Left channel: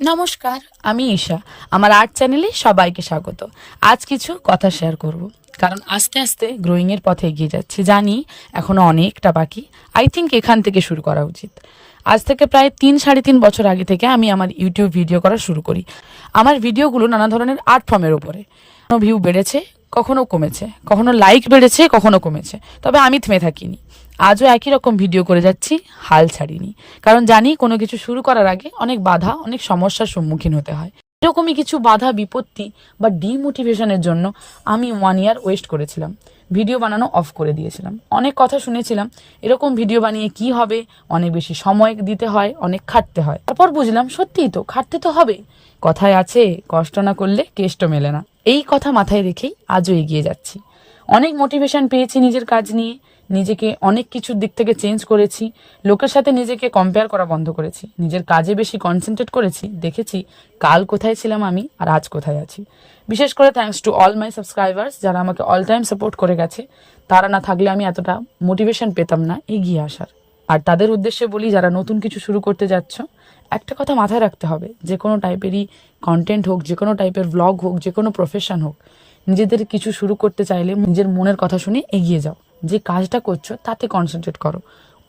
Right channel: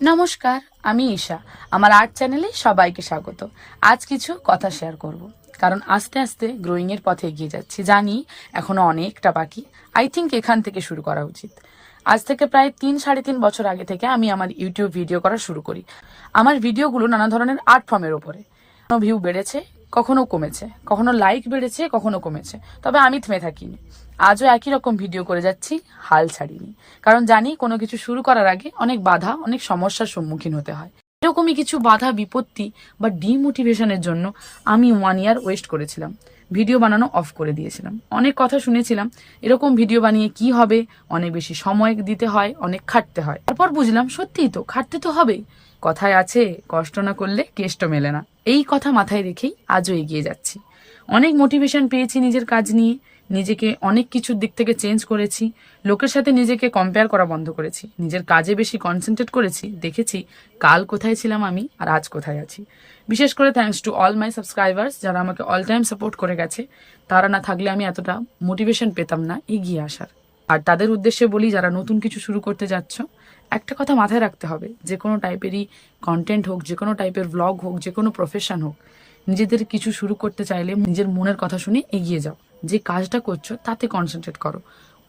নমস্কার, আমি ঈশা। আমার আর্ট চ্যানেলে সবাইকে স্বাগত। আজ কিছু কথা শেয়ার করব, কারণ আস্তে আস্তে গ্রোয়িং এর পথে এগিয়ে যাচ্ছি। জানি এখনো অনেকটা বাকি। আই থিঙ্ক এখান থেকে শুরু করা উচিত। আজ থেকে প্রায় 3-3.5 বছর আগে থেকে আমি আমার ইউটিউব ভিডিও করা শুরু করি। আমার ভিডিওগুলো নানা ধরনের আর্ট ফর্মের উপরে। কখনো ভিউ বেড়েছে, কখনো কমেছে, কখনো লাইক বেড়েছে, কখনো কমেছে, তবে আমি থেমে থাকিনি। আজও একই রকম ভিডিও করে যাচ্ছি, হাল ছাড়িনি। কারণ জানি কোনো কিছু শুরু করার আগে অনেক বাধা, অনেক সমস্যার সম্মুখীন হতে হয়। এরকমই কিছু বাধা, বিপত্তি বা ডিমোটিভেশনের জন্য আমি 1 ইয়ার ওয়েস্ট করেছিলাম। ভিডিও বানানো অফ করে দিয়েছিলাম। অনেক কথা শুনেছিলাম, এরকম ভিডিও বানিয়ে কি হবে, অনেক বেশি সময় দিতে হয়, অনেক খাটতে হয়। তারপর বুঝলাম সত্যিই তো খাটতে তো হবেই। কথায় আছে, কষ্ট না করলে কেষ্ট মেলে না। এই কথা মাথায় রেখেই আজও এগিয়ে যাচ্ছি। অনেক মোটিভেশন পেয়েছি নিজের কাজ নিয়ে, নিজেকে অনেক কিছুর দিক থেকে চেঞ্জ করেছি। লোকের সাথে নিজেকে কম্পেয়ার করা বন্ধ করেছি, নিজের কাজে বেশি কনসেন্ট্রেট করেছি। দেখেছি কাল কোথায় ছিলাম আমি আর আজ কোথায় আছি। বিশেষ করে thanks to all my subscribers, যারা আমাকে অল টাইম সাপোর্ট করে গেছে। তারা না থাকলে আমি এতটা মোটিভেশন পেতাম না এগিয়ে আসার। আর তাদের উদ্দেশ্যে বলি, যারা নতুন কিছু শুরু করতে যাচ্ছ, একটা কথা মাথায় রাখতে হবে, যে কোনো টাইপেরই কন্টেন্ট হোক, যে কোনো টাইপের ব্লগ হোক, যে কোনো প্রফেশন হোক, নিজেদের কিছু শুরু করতে চাইলে নিজের মনের কথা শুনে এগিয়ে যাও। যে কাজটা করছো তাতে কনসেন্ট্রেট করো।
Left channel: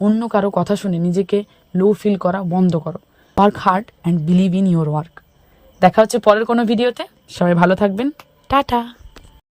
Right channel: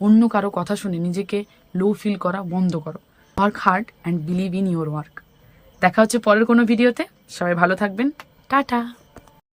অন্য কারো কথা শুনে নিজেকে লো ফিল করা বন্ধ করো। Work hard and believe in your work. দেখা হচ্ছে পরের কোনো ভিডিওতে। সবাই ভালো থাকবেন। টাটা।